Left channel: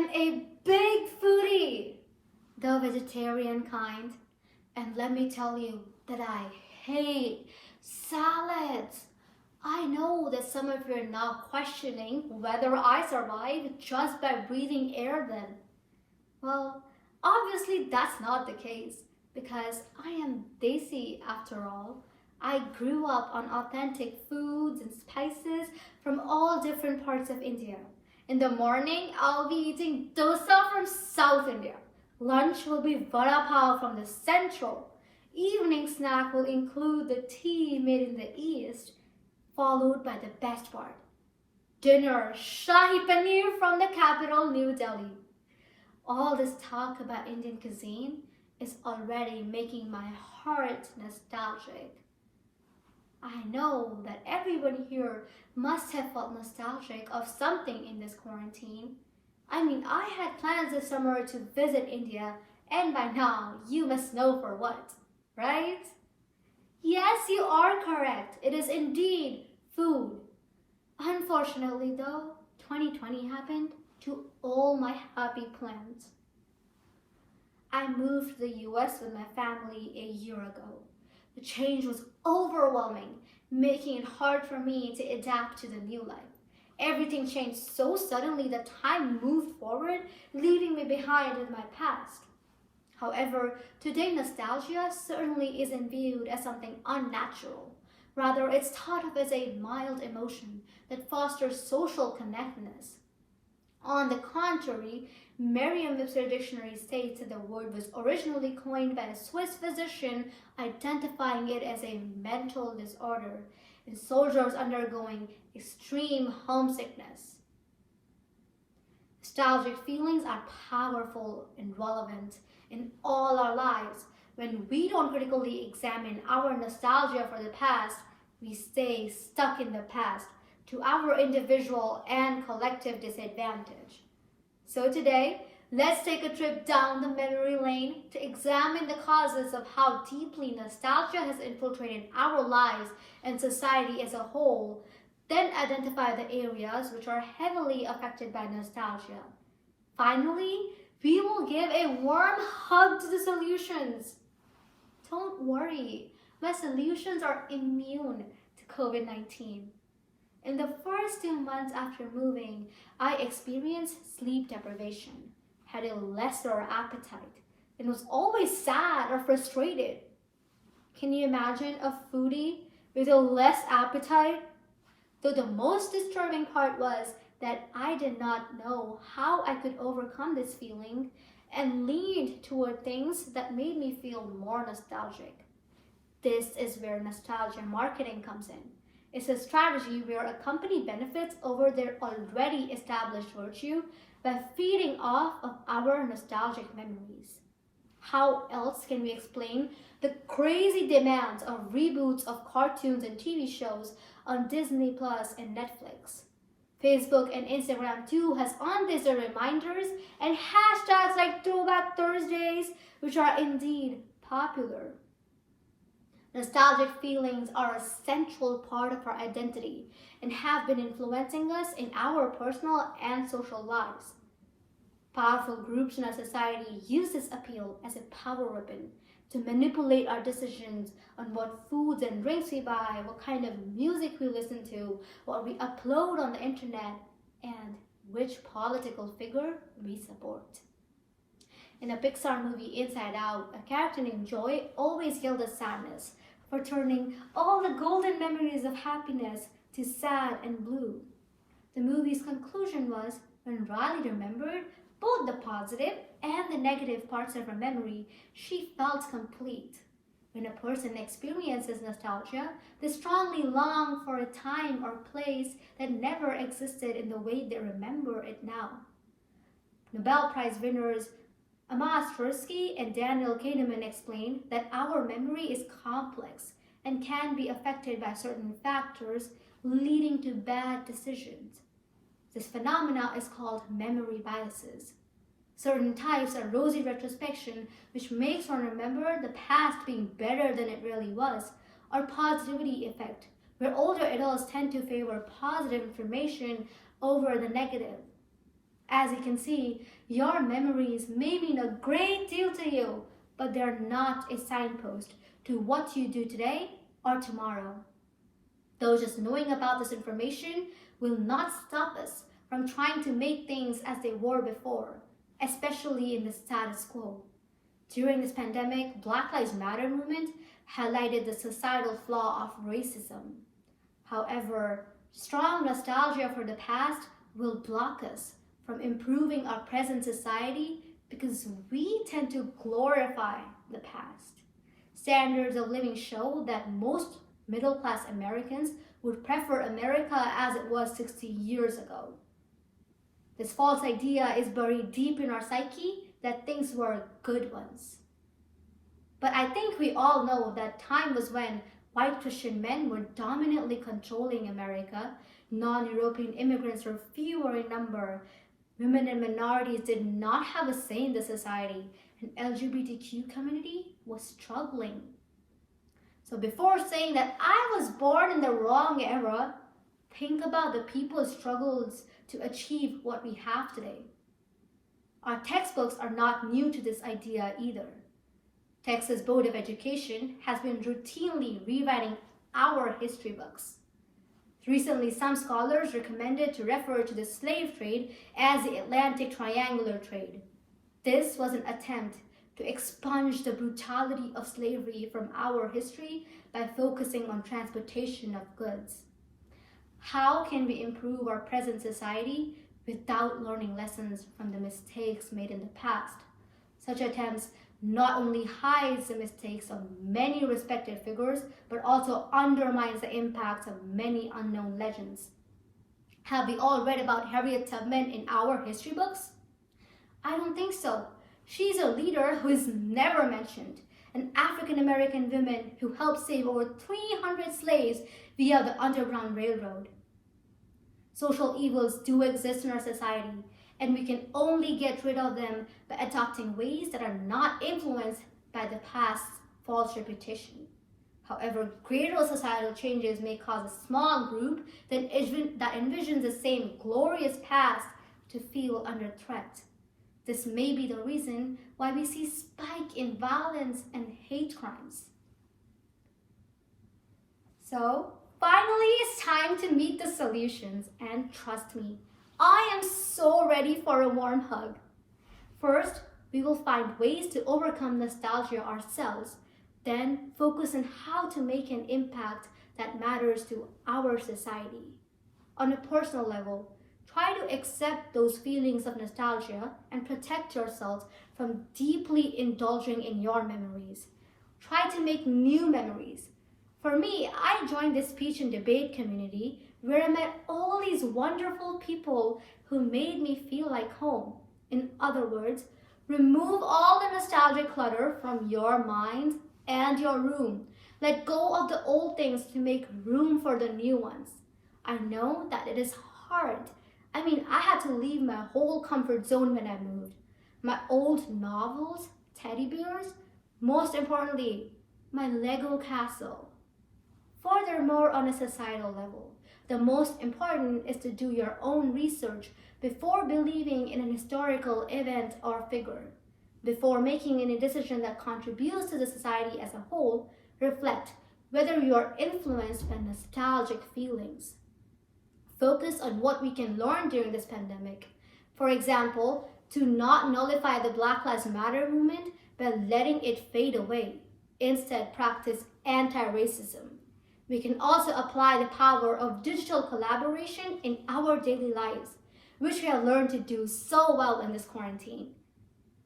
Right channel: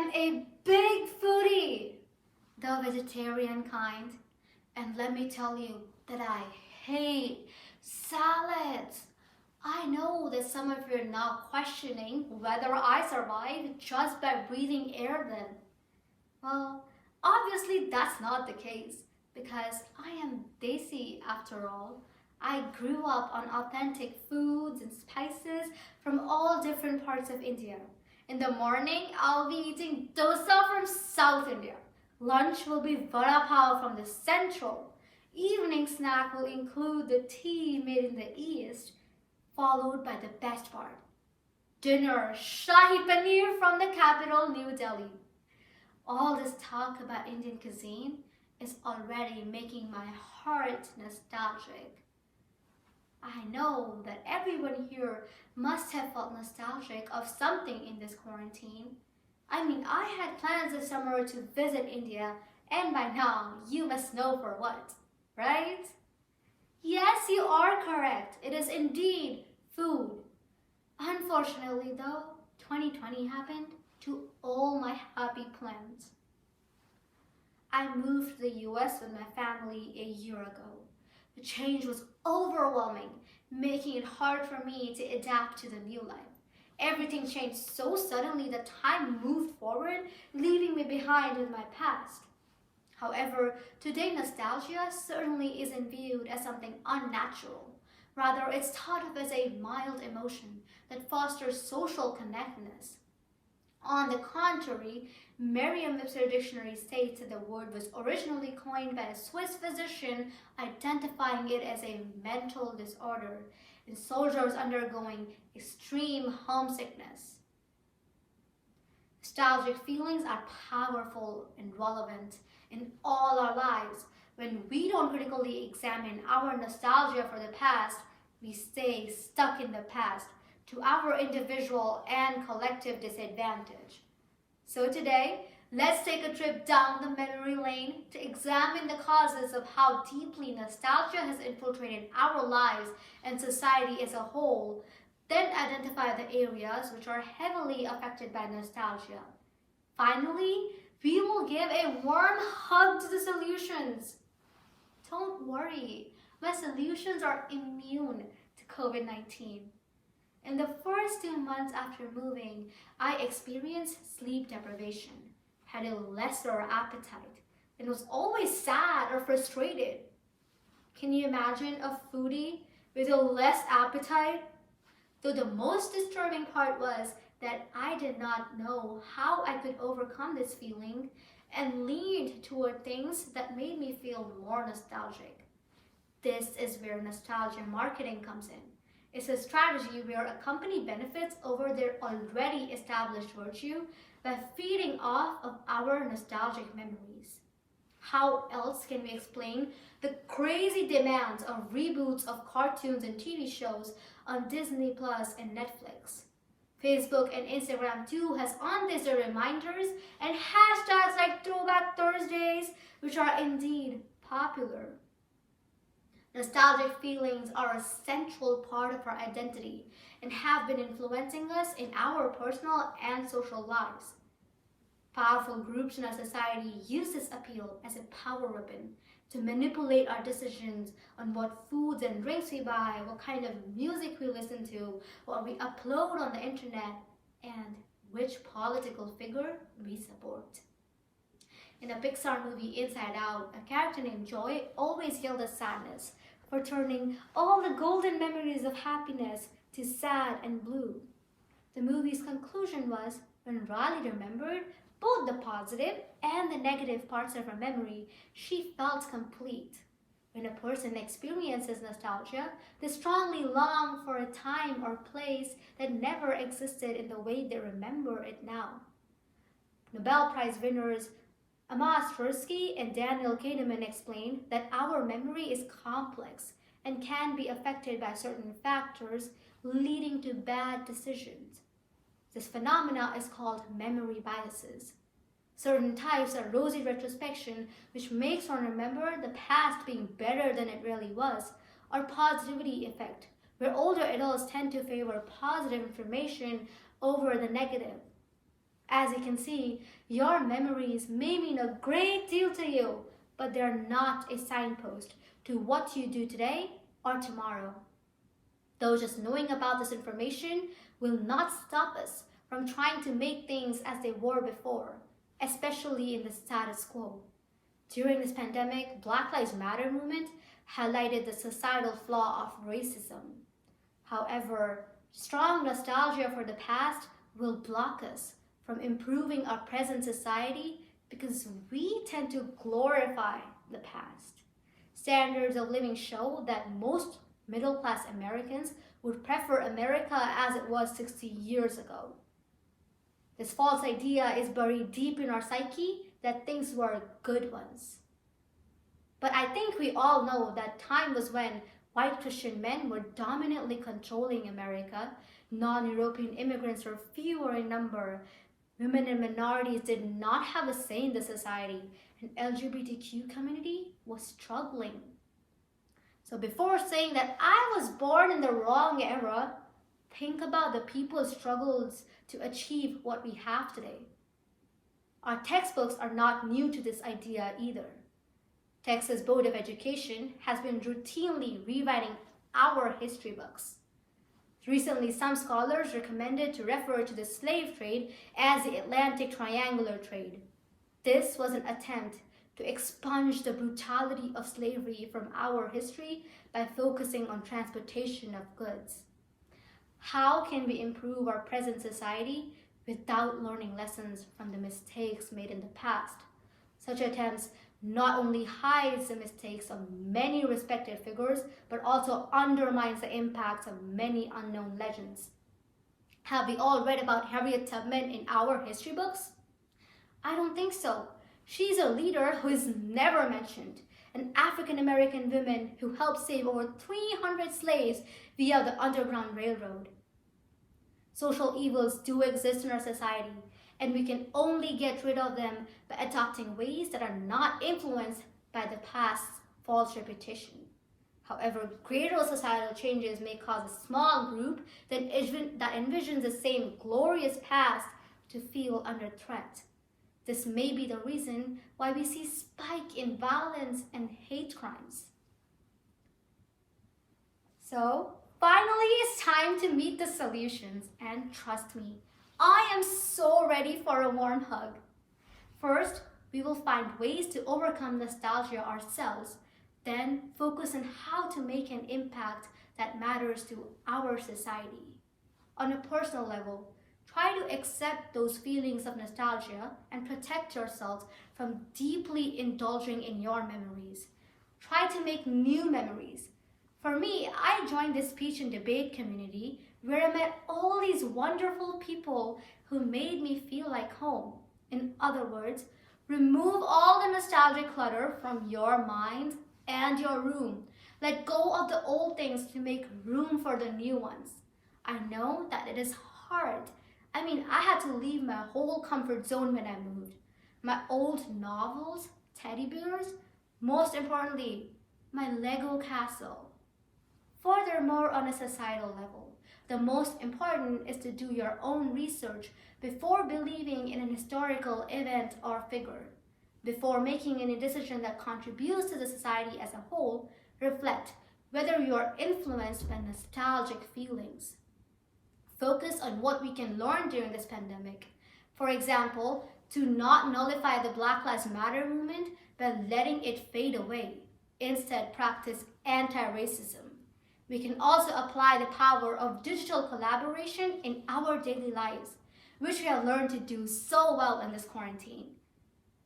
am a big foodie, the vegetarian kind. And let me tell you that I hate salads. I know that some of you are now questioning whether I survive just by breathing air then. Well, obviously that's not the case because I am Desi after all. I grew up on authentic foods and spices from all different parts of India. In the morning, I'll be eating dosa from South India. Lunch will be vada pav from the central. Evening snack will include the tea made in the east, followed by the best part. Dinner, Shahi Paneer from the capital, New Delhi. All this talk about Indian cuisine is already making my heart nostalgic. I know that everyone here must have felt nostalgic of something in this quarantine. I mean, I had plans this summer to visit India, and by now you must know for what, right? Yes, you are correct. It is indeed food. Unfortunately though, 2020 happened to all my happy plans. I moved to the US with my family a year ago. The change was overwhelming, making it hard for me to adapt to the new life. Everything changed so suddenly that time moved forward, leaving me behind with my past. However, today nostalgia certainly isn't viewed as something unnatural. Rather, it's thought of as a mild emotion that fosters social connectedness. On the contrary, Merriam-Webster dictionary states that the word was originally coined by a Swiss physician identifying it as a mental disorder in soldiers undergoing extreme homesickness. Nostalgic feelings are powerful and relevant in all our lives. When we don't critically examine our nostalgia for the past, we stay stuck in the past to our individual and collective disadvantage. So today, let's take a trip down the memory lane to examine the causes of how deeply nostalgia has infiltrated our lives and society as a whole, then identify the areas which are heavily affected by nostalgia. Finally, we will give a warm hug to the solutions. Don't worry, my solutions are immune to COVID-19. In the first 2 months after moving, I experienced sleep deprivation, had a lesser appetite, and was always sad or frustrated. Can you imagine a foodie with a less appetite? Though the most disturbing part was that I did not know how I could overcome this feeling and leaned toward things that made me feel more nostalgic. This is where nostalgia marketing comes in. It's a strategy where a company benefits over their already established virtue by feeding off of our nostalgic memories. How else can we explain the crazy demands of reboots of cartoons and TV shows on Disney Plus and Netflix? Facebook and Instagram too has on this the reminders and hashtags like Throwback Thursdays, which are indeed popular. Nostalgic feelings are a central part of our identity and have been influencing us in our personal and social lives. Powerful groups in our society use this appeal as a power weapon to manipulate our decisions on what foods and drinks we buy, what kind of music we listen to, what we upload on the internet, and which political figure we support. In a Pixar movie, Inside Out, a character named Joy always yelled at sadness for turning all the golden memories of happiness to sad and blue. The movie's conclusion was, when Riley remembered both the positive and the negative parts of her memory, she felt complete. When a person experiences nostalgia, they strongly long for a time or place that never existed in the way they remember it now. Nobel Prize winners Amos Tversky and Daniel Kahneman explained that our memory is complex and can be affected by certain factors, leading to bad decisions. This phenomena is called memory biases. Certain types are rosy retrospection, which makes one remember the past being better than it really was, or positivity effect, where older adults tend to favor positive information over the negative. As you can see, your memories may mean a great deal to you, but they're not a signpost to what you do today or tomorrow. Though just knowing about this information will not stop us from trying to make things as they were before, especially in the status quo. During this pandemic, Black Lives Matter movement highlighted the societal flaw of racism. However, strong nostalgia for the past will block us from improving our present society because we tend to glorify the past. Standards of living show that most middle-class Americans would prefer America as it was 60 years ago. This false idea is buried deep in our psyche that things were good ones. But I think we all know that time was when white Christian men were dominantly controlling America, non-European immigrants were fewer in number, women and minorities did not have a say in the society, and LGBTQ community was struggling. So before saying that I was born in the wrong era, think about the people's struggles to achieve what we have today. Our textbooks are not new to this idea either. Texas Board of Education has been routinely rewriting our history books. Recently, some scholars recommended to refer to the slave trade as the Atlantic Triangular Trade. This was an attempt to expunge the brutality of slavery from our history by focusing on transportation of goods. How can we improve our present society without learning lessons from the mistakes made in the past? Such attempts not only hides the mistakes of many respected figures, but also undermines the impacts of many unknown legends. Have we all read about Harriet Tubman in our history books? I don't think so. She's a leader who is never mentioned, an African-American woman who helped save over 300 slaves via the Underground Railroad. Social evils do exist in our society, and we can only get rid of them by adopting ways that are not influenced by the past's false reputation. However, greater societal changes may cause a small group that envisions the same glorious past to feel under threat. This may be the reason why we see spike in violence and hate crimes. So, finally, it's time to meet the solutions, and trust me, I am so ready for a warm hug. First, we will find ways to overcome nostalgia ourselves, then focus on how to make an impact that matters to our society. On a personal level, try to accept those feelings of nostalgia and protect yourself from deeply indulging in your memories. Try to make new memories. For me, I joined this speech and debate community where I met all these wonderful people who made me feel like home. In other words, remove all the nostalgic clutter from your mind and your room. Let go of the old things to make room for the new ones. I know that it is hard. I had to leave my whole comfort zone when I moved. My old novels, teddy bears, most importantly, my Lego castle. Furthermore, on a societal level, the most important is to do your own research before believing in an historical event or figure. Before making any decision that contributes to the society as a whole, reflect whether you are influenced by nostalgic feelings. Focus on what we can learn during this pandemic. For example, to not nullify the Black Lives Matter movement by letting it fade away. Instead, practice anti-racism. We can also apply the power of digital collaboration in our daily lives, which we have learned to do so well in this quarantine.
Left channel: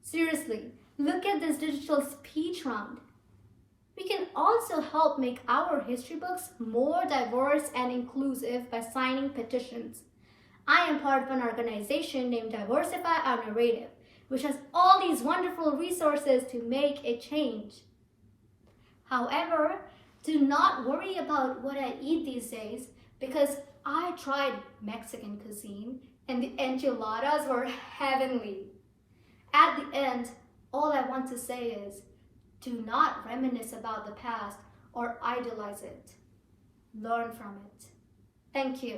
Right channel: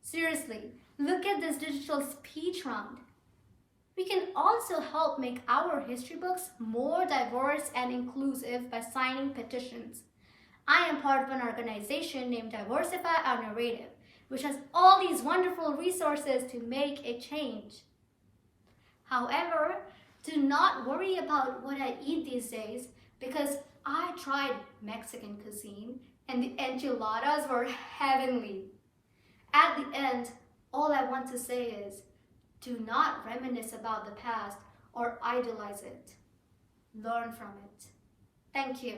Seriously, look at this digital speech round. We can also help make our history books more diverse and inclusive by signing petitions. I am part of an organization named Diversify Our Narrative, which has all these wonderful resources to make a change. However, do not worry about what I eat these days because I tried Mexican cuisine and the enchiladas were heavenly. At the end, all I want to say is, do not reminisce about the past or idolize it. Learn from it. Thank you.